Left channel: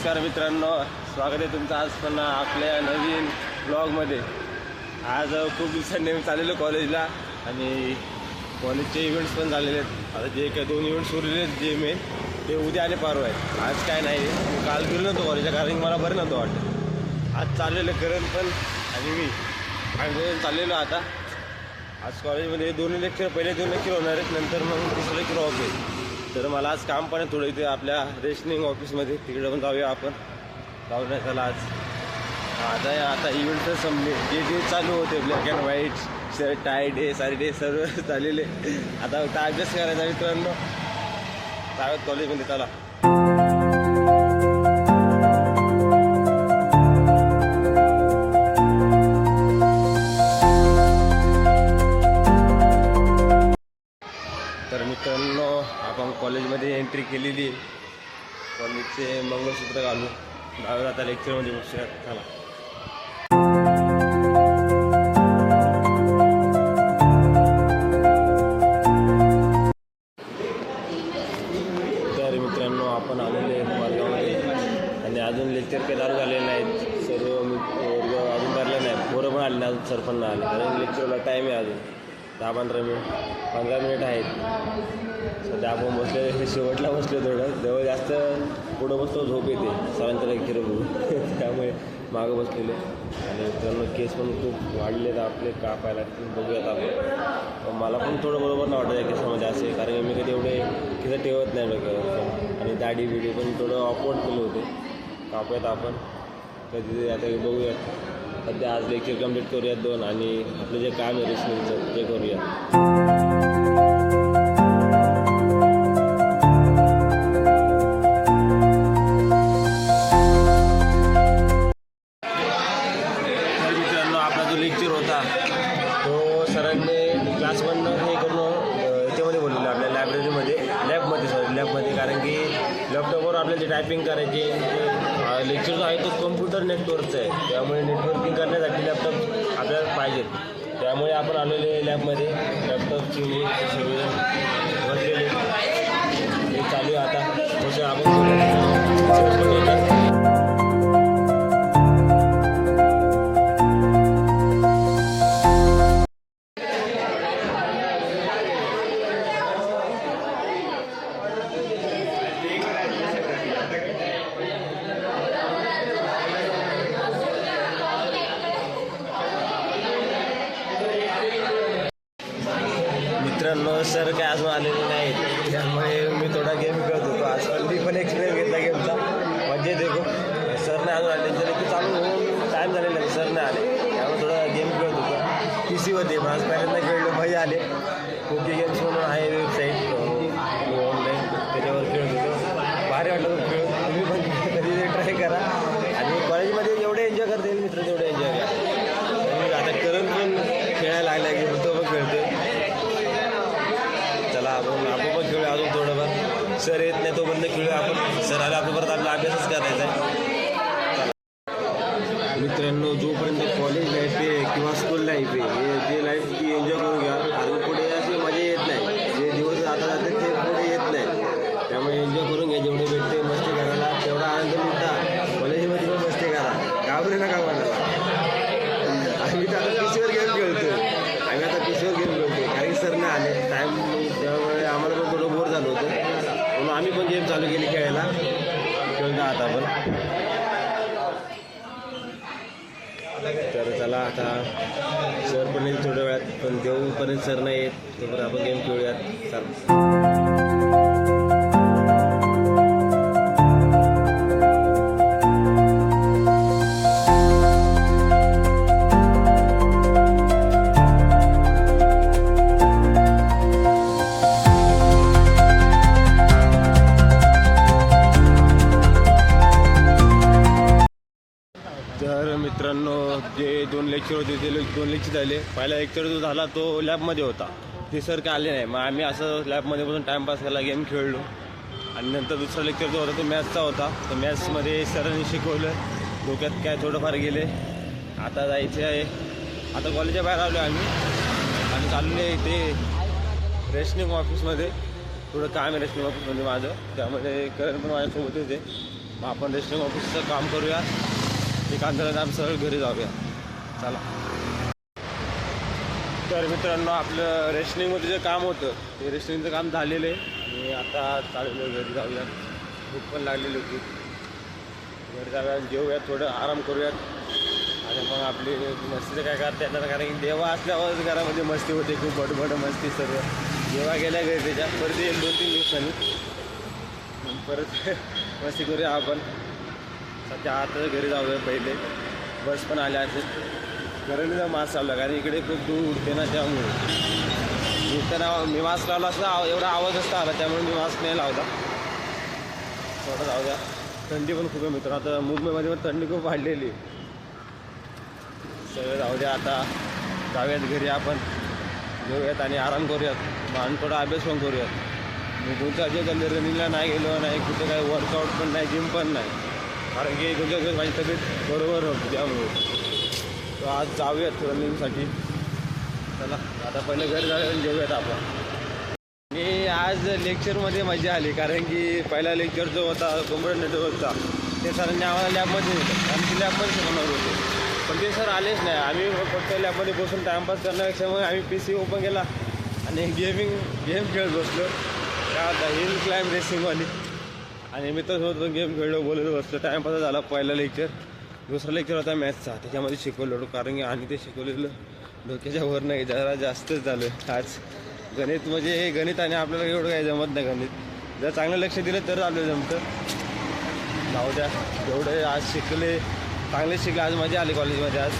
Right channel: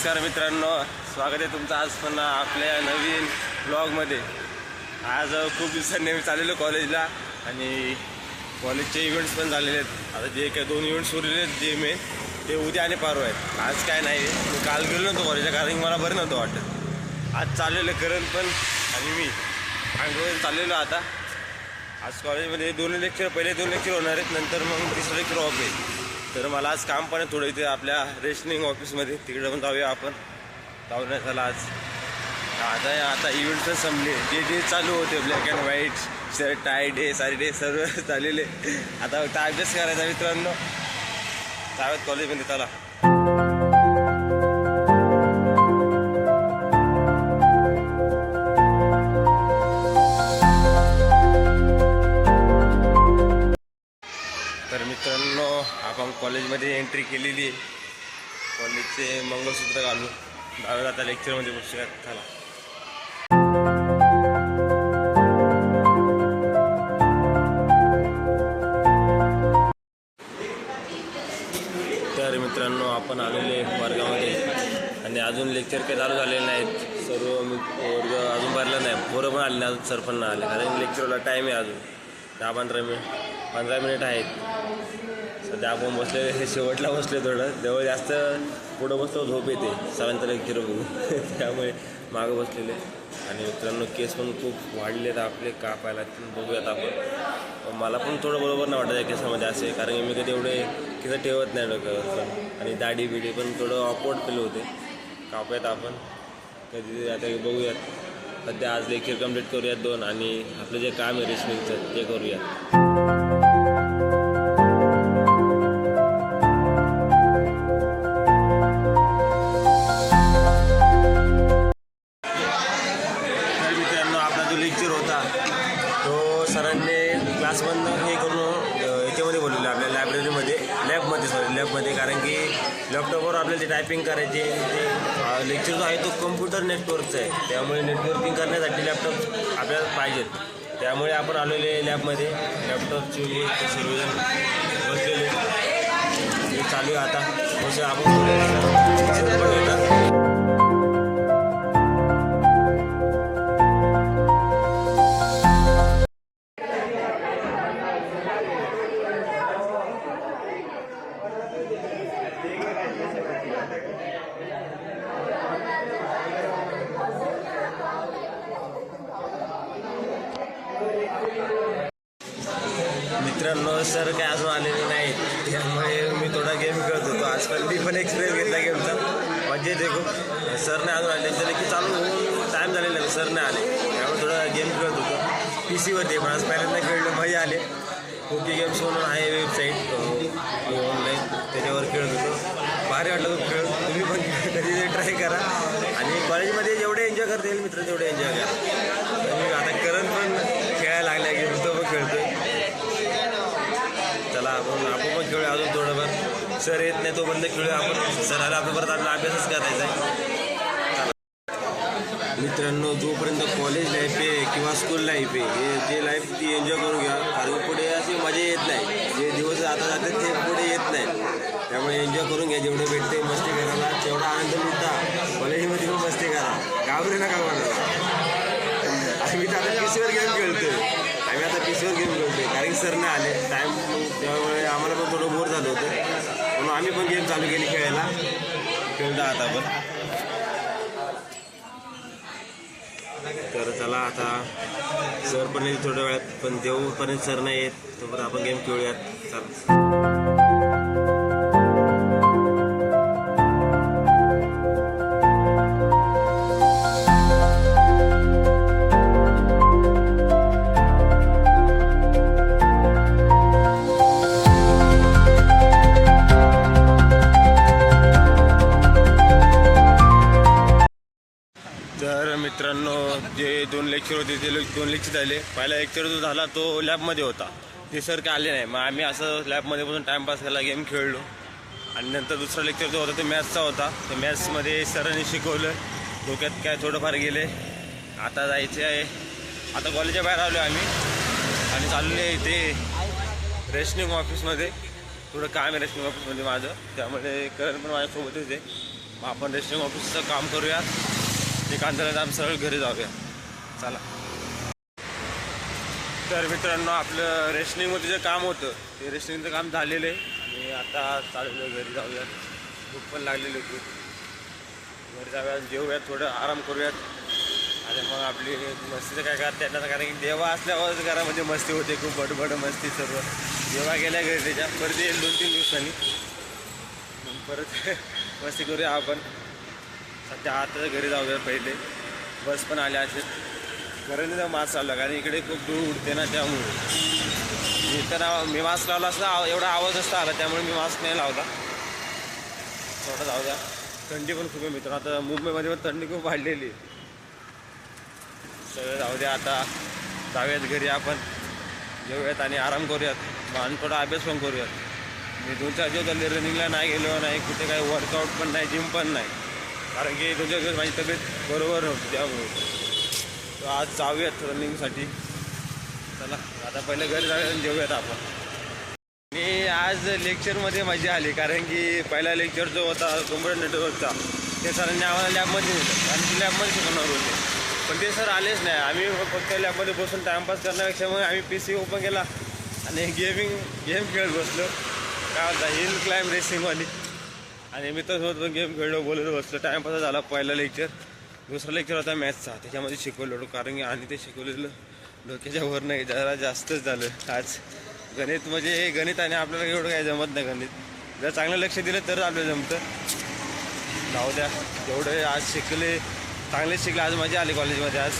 नमस्कार मित्रांनो, स्वागत आहे तुमचं आज पण आपल्या नवीन ब्लॉगमध्ये। आज खूप दिवसांनी मी चाललेलो कॉलेजला आणि कॉलेजचे इव्हेंट्स पण झालेले आहेत। आता जे काही 2 इव्हेंट्स उरलेले आहेत जे मेन ते उद्या आणि परवा आहेत। आज काय नाही, मी काल गेलो नव्हतो कॉलेजला कारण की मला बरं नव्हतं वाटत। आज चाललेलं करण पण आणि मी रोज चाललेलो। आता आज कॉलेजमध्ये 2 लेक्चर, पहिले 2 लेक्चर होणार आहेत, नंतर मग 3रं लेक्चर ऑफ आहे। तर मला आज काम पण थोडं इथे आपल्या रेशनिंग ऑफिसमध्ये, तिकडे पण जाऊया आपण। जाऊन त्याला आज आता इव्हेंट पण संपले, जे चालू होते black and white shirt tie day सारी डे सर्व झालेले। आता फक्त अभ्यास करायचा मित्रांनो, जाऊयात कॉलेजमध्ये त्याला। तर मित्रांनो, आपण कॉलेजमध्ये एंट्री केलेली आहे। कॉलेजचे मंगळसूत्र घालून जाऊया आता लेक्चरमध्ये बसूयात चला। तर मित्रांनो, आपण आलेले वर्गामध्ये आणि अजून लेक्चर काही चालू झालेले नाहीत। सर्व वर्ग अजून भरला नाही, पोरं पण आले नाही अजून, सर पण नाही आले कारण लेक्चरला टाईम आहे अजून 10-15 मिनिट आहेत। सध्या आपण बसले, शेवटला बसले, थोडं जवळ जास्त पुढं बसतो झोप येते सरांचं लेक्चर बघून त्यामुळे मागं बसलेले। आणि मित्रांनो, केस पण खूप वाढलेत आपले, कापायला बघूयात आपण। मला पण थोडं बरोबर नाही वाटत आहे केसामध्ये असे, कारण की मी कधी एवढे केस ठेवत नाही डोक्यावर पण, आणि दाढी बिडी पण थोडं ऑकवर्ड फील होते। कापूयात आपण कधी, आता बघूयात। सध्या आज लेक्चर कंप्लीट करूयात 2 आणि आपलं जे काम आहे रेशनिंगचं ते करूया। लेक्चर होता तो सरांनी क्लास बंद हे करून याच्यामध्ये बोलवलं आपल्या लॅबमध्ये, कारण की लॅपटॉपवर आपल्याला जे टायपिंग करायचे ते लेक्चर जो आहे तो कम्प्युटर नेटवर्कचा आहे, त्यामुळे नेटवर्किंग करण्यासाठी लॅपटॉप आपल्याला पाहिजेत। त्यामुळे आपण आलेले लॅबमध्ये, लॅपटॉपची सर्वजण बसलेले हे चालू आहे। आता बसूया आपण, थोडे पण येतात। मित्रांनो, सर काय अजून आलेले नाहीत, त्यामुळे मी थोडा गेम खेळत होतो आज। पण मी पण एक्सपिरियन्स घेतला गेमचा, मजा येते खूप। सर नाही अजून आले, त्याला की चालू होऊन टाईम झालेला आहे, सर नाही आले, त्यामुळे थोडा गेम खेळत होतो PC-वरती। पण आज पहिल्यांदा खेळलं, मजा आले। कुकी गेम्स म्हणून आहे वेबसाईट ऑनलाईन, त्याच्यावर खेळत होतो, भारी वाटलं खूप खेळ। तुम्ही पण कधी ट्राय करा आणि कॉलेजमध्ये जेवढे एन्जॉय करता येईल मित्र तेवढे एन्जॉय करा। आणि आता करण पण खेळायला लागला गेम, तो पण खेळतोय। चला आपण पण खेळूया अजून थोडंफार। सर येत नाही तोपर्यंत खेळूया आपण, सर आला आपल्या परत आपला अभ्यासच करायचा आहे। चला मित्रांनो, जोपर्यंत कॉलेज लाईफ आहे किंवा स्कूल लाईफ आहे, हे जे लाईफ ती एन्जॉय करून घ्या, कारण पुढे अशी मजा येत नाही। जे दिवस आता जातात ते पुढे येत नाही, त्यामुळे एन्जॉय करून घ्या। जेवढे भेटते मस्ती करायला तेवढा आनंद लुटा, कॉलेजमध्ये पण मस्ती करा, घाबरू नका कोणाला। आम्ही तर आता PC-वर गेम खेळतोय, कारण की सर नाही आले टाईम, त्यामुळे आम्हाला पण थोडं बोर झालं होतं, म्हणून आम्ही पण गेम चालू केली खेळायला, खेळता आता पण। तर चला आता सर पण येईल थोड्या वेळात, पण देऊपर्यंत सर नाही येत तोपर्यंत आपण गेम खेळूयात। चला मित्रांनो, जे 2 लेक्चर होते ते 2 लेक्चर झाले। पहिला लेक्चर जो झाला तो लॅबमध्ये होता, ते सर काय आले नाही, मग आम्ही असं लॅबमध्ये बसून टाईमपास केला, गेम खेळलो। आणि नंतर दुसरा लेक्चर जो होता तो मॅथ्सचा होता, तर मॅथ्समध्ये सरांनी शिकवलं, डोक्यात काय थोडंफार गेले। आता जायचे आहे, आता कॉलेजच्या बाहेर आलो आम्ही आणि चालले इथे रेशनिंग ऑफिसमध्ये, थोडं काम आहे रेशनिंग ऑफिसमध्ये माझं, त्यामुळे करण पण माझ्यासोबत होते। मग आपण रेस्टिंग ऑफिसचं काम करूया, ते काम झाल्यानंतर आम्ही सरळ घरी जाऊया. चला. तर मित्रांनो, आपलं रेशनिंगमध्ये जे काम होतं ते रेशनिंगचं काम झालेलं आहे आणि आता चाललेलो घरी जाऊयात. भूक पण लागलेली खूप. घरी जाऊयात, जेवूयात, थोडं आराम करूयात आणि मग आपली मस्तीचं काय करता येणार, कारण की देवा असल्यावर घरामध्ये मस्ती होते, खूप बडबड मस्ती सर्व. जेव्हा गेल्या घरी त्याच्या परत येईल 2-3 दिवसांनी, मग परत मस्ती करूया आपण. सध्या आता घरी जाऊया पहिले. बस पण आल्या असेल. घराने मास्क लावला, कारण इकडे खूप दूर उडते ना, त्यामुळे मी मास्क लावला असता एवढा आवाज असता आला, त्यामुळे मी मास्क नाही लावला. थोडं जाऊ द्या. थंडी पण खूप आहे मित्र. आता मुंबईमध्ये पण थंडी खूप वाढलेली. सगळं जाऊ द्या. आता जाऊयात घरी आपण, जेवूयात आणि आराम करूयात आणि थोडा अभ्यास पण करूयात. मी 2-4 दिवस झाले रनिंगला नाही गेलो, नाही कुठे काही वर्कआउट पण नाही, जिम पण नाही, कारण की 2-4 दिवस माझी तब्येत बरोबर नव्हती, त्यामुळे. तर आज जाऊयात रनिंगसाठी. चला आता पहिले घरी जाऊयात आणि जेवूयात आपण. आणि आज लेक्चरमध्ये मजा आली, कारण की पहिला लेक्चर जो होता कॉम्प्युटर नेटवर्कचा, ते सरांनी आम्हाला लॅबमध्ये नेलं, कारण की लॅबमध्ये शिकवणार होते. पण ते सर आलेच नाही. आम्ही फक्त लॅबमध्ये बसून टाईमपास करण्यापेक्षा मग आम्ही PC ओपन केला आणि गेम खेळत बसलो. काय होता, हिल क्लाइम्ब रेसिंगवाली. आणि मित्रांसोबत पण गेम खेळलो, बोललो बसलो. टाईमपास झाला पहिला लेक्चर. दुसरा लेक्चर होता मॅथ्सचा, त्याच्यामध्ये शिकवलो, कारण की आणि ते शिकवलेलं डोक्याच्या वर नाही, जरा जास्तच झालं आज. गणित म्हणजे गणित, आणि आपल्याला एवढं काही जमत नाही गणित. जर चांगलं लक्ष दिलं तर आपल्याला जमतं. जाऊ द्या. जेवढे आज शिकले चांगले शिकले. आज मजा आली कॉलेजमध्ये आज.